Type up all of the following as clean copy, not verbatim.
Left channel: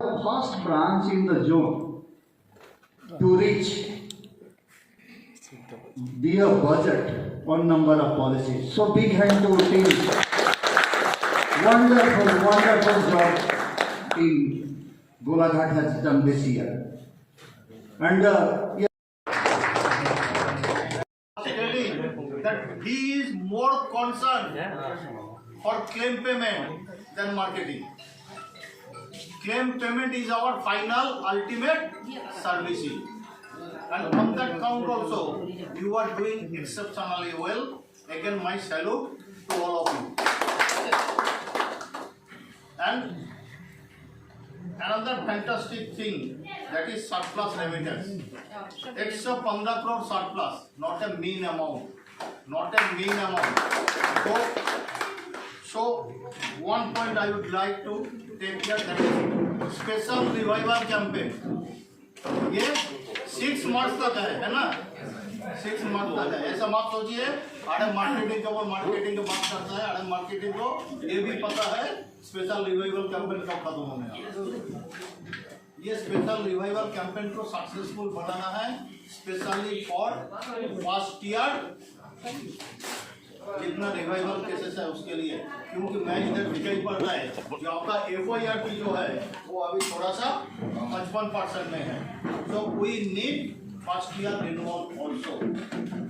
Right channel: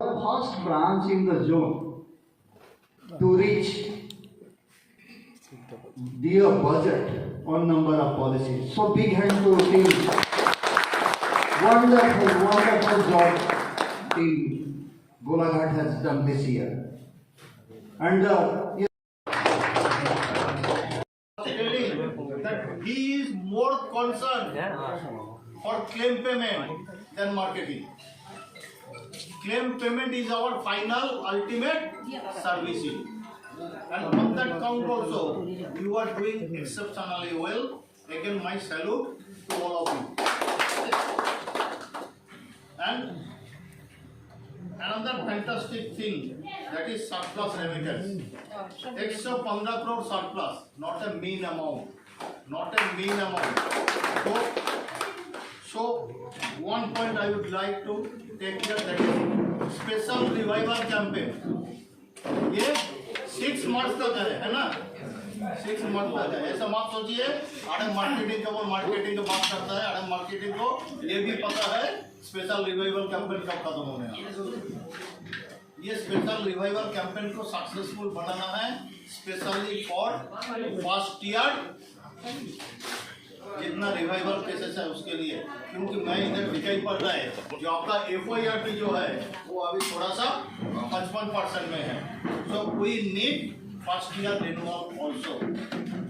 First branch in the zone to reach their budget on number of policies. So big hand to team. Wonderful job team Golaghat has done this year. And telling that he is more concerned for claim payment than marketing. Claim payment is our final ultimate servicing. And on that count also, you are doing exceptionally well. Again, my salute to all of you. And another fantastic thing, that is surplus remittance. Extra 15 crore surplus, not a mean amount. Not a mean amount. So one point I would like to take care, that is special revival campaign. ये 6 months तक है ना? 6 months तक है. ऐसा मत सोचिए आड़े मार्केटिंग का वो मार्केटिंग का बात करता है. आड़े मार्केटिंग को ये भी पता है स्पेशल रिवाइवल कैंपेन कब खत्म होने वाला. ये स्पेशल रिवाइवल कैंपेन को सक्सेसफुल बनाना है, स्पेशली फॉर फर्स्ट ईयर जितना रिवाइवल केसेस है उसके लिए. क्योंकि मैं इधर दिखाई पड़ रहा है जो आपका FYRP जो है वो अभी थोड़ा सा 55% में है. So we need first year renewal also.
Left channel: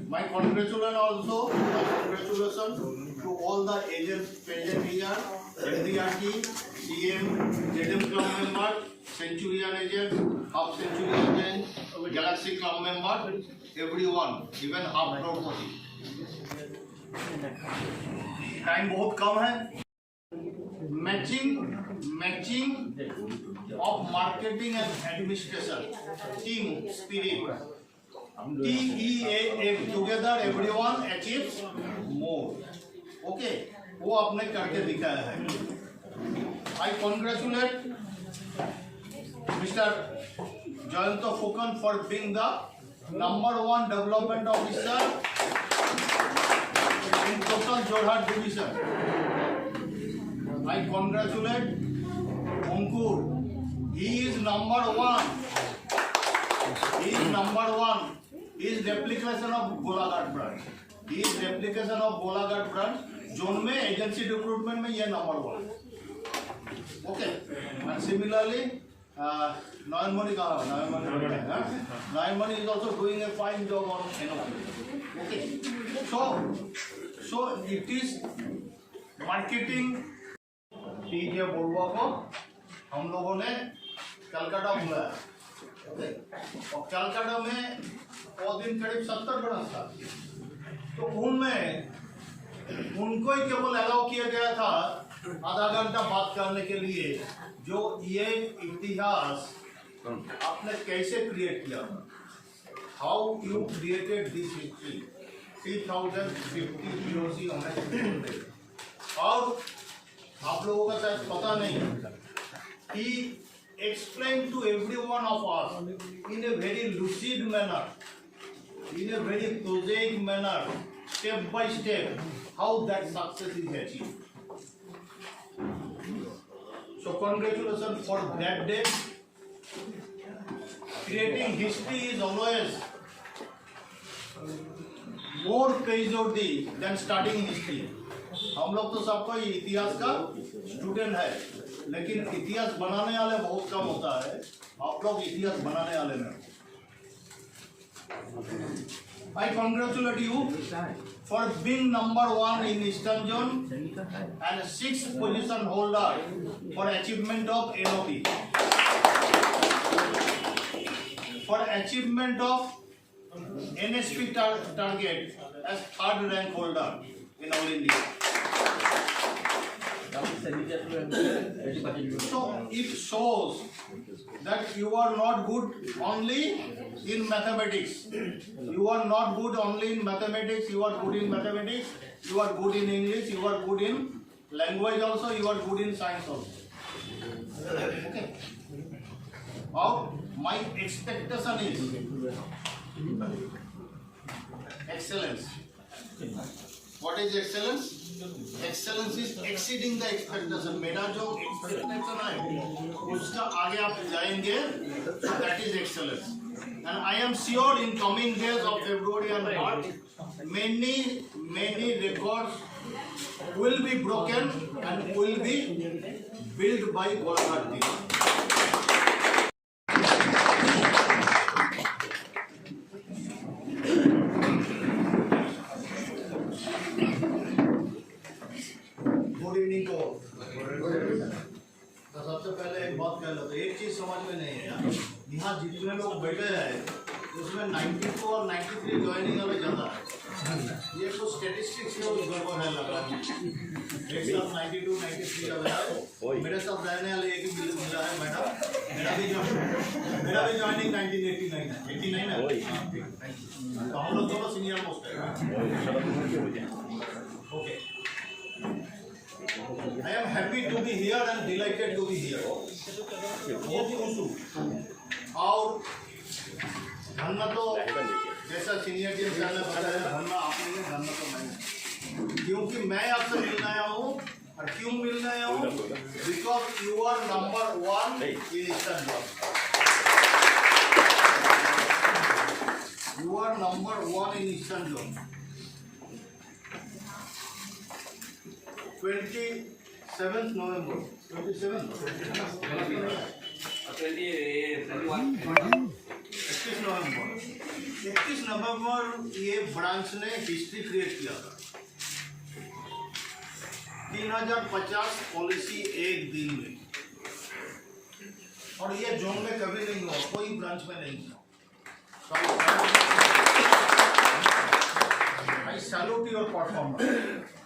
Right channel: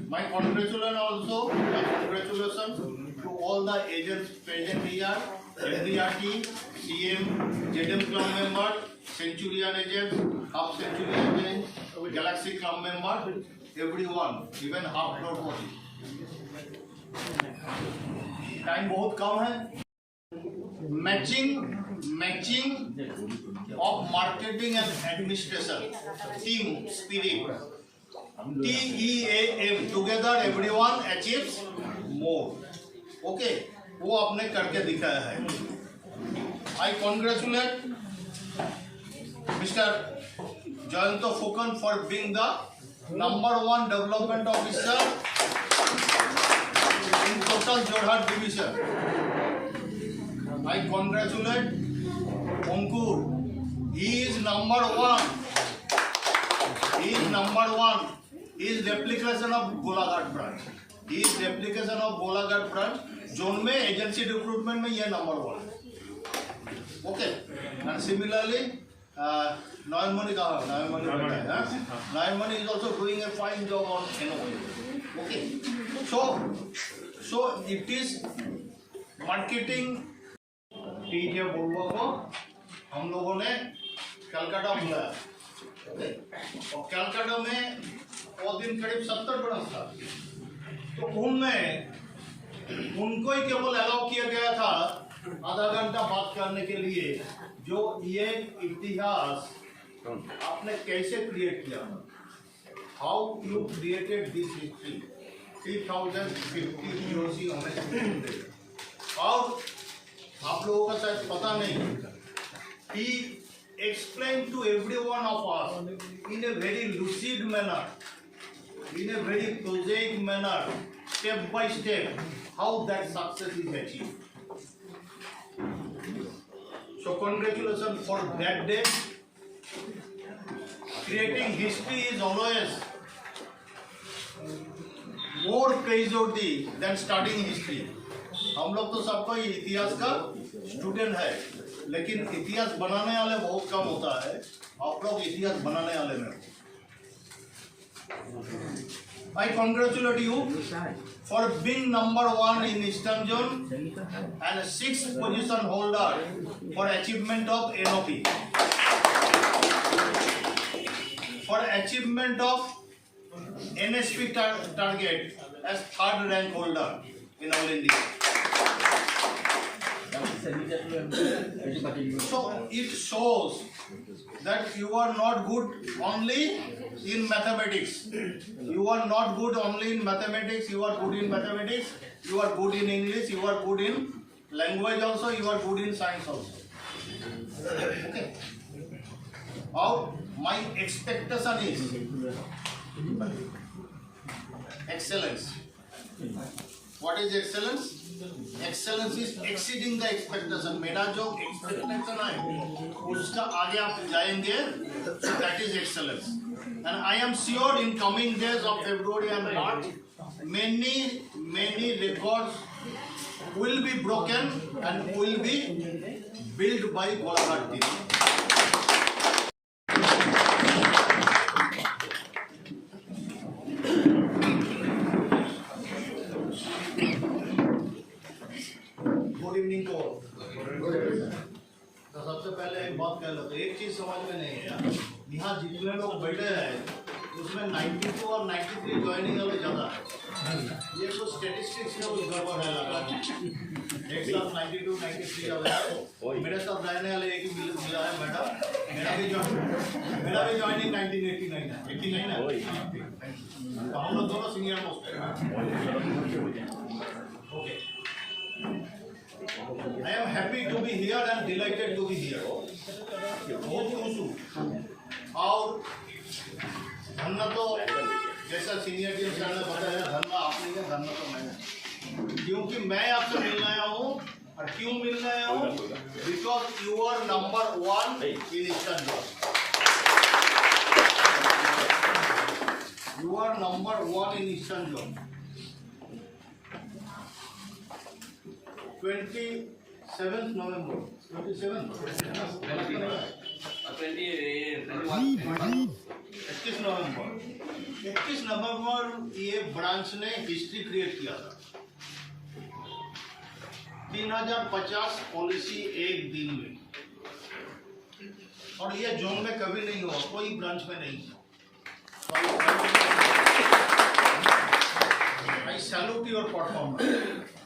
My congratulations to all the agents present here, MDRT, CM, ZM club member, Centurion agents, half Centurion agents, Galaxy club member, everyone, even half property. Time बहुत कम है. Matching of marketing and administration team spirit TEAM together everyone achieves more. Okay, वो आपने करके दिखाया है. I congratulate mister Jayant Phukan for being the number 1 development officer in total Jorhat division. I congratulate Ankur. He is number 1. He is number 1. He is replication of Golaghat branch. He is replication of Golaghat branch. Zone में agency recruitment में ये number 1. Okay. And similarly, Nayanmani कहाँ? Nayanmani is also doing a fine job on NOP. Okay. So it is marketing. TJ बोलवा को हम लोगों ने कलकत्ता बुलाया. और कलकत्ता में वो दिन करीब 70 ब्रांच था. तो उनमें उनको ही केवल अलाउ किया गया था आधा घंटा बात करने के लिए, जो ये इतिहास आपने कैसे क्रिएट किया, how you created this history 3050 POC हमने. और आप लोगों का शायद पता नहीं, he explained to every one of us in a very lucid manner, in a very prosaic manner, step by step, how that success is achieved. So congratulations for that day. Creating history is always more praiseworthy than studying history. हम लोग तो सबको इतिहास का student है, लेकिन इतिहास बनाने वाले बहुत कम होता है. आप लोग इतिहास बनाने वाले में. I congratulate you for being number 1 in Eastern Zone and 6th position holder for achievement of NOP. For achievement of NSP target as 3rd rank holder in all India. So it shows that you are not good only in mathematics. You are not good only in mathematics. You are good in mathematics. You are good in English. You are good in language also. You are good in science also. Okay. Now my expectation is excellence. What is excellence? Excellence is exceeding the expectation. मेरा जो expectation है उसका आगे आप जाएंगे, so that is excellence. And I am sure in coming days of February and March, many records will be broken and will be built by Golaghat team. Good evening to all. तो सबसे पहले एक बात कह लो, तो एक चीज समझ में नहीं है यार, यहाँ जितने लोग बैठे हैं उसमें 92 और 93 ज्वाइनिंग वाले ज्यादा है। ये कुछ स्टेटिस्टिक्स में कुछ गड़बड़ है लगा। एक साथ 92 93 वाले है, मेरे साथ रहने वाले एक ही मिला है मैडम। मेरा भी ज्वाइनिंग 1989 है, 89 है। तो हम लोग दोनों सीनियर मोस्ट है। Okay, I am happy to be here and delighted to be here. बहुत खुश हूँ। और धन्ना तो जैसा सीनियर टीम सर ने बताया, धन्ना आपने है, धन्ना तो मैंने, क्योंकि मैं आपसे मिलने आया हूँ। और क्यों मिलने आया हूँ? Because you are number 1 in eastern zone. You are number 1 in eastern zone. 27th November, 27th, 31 नवंबर, 31 नवंबर ये ब्रांच ने हिस्ट्री क्रिएट किया था। 3050 पॉलिसी एक दिन में, और ये जोन में कभी नहीं हुआ, कोई ब्रांच में नहीं हुआ। I salute your performance.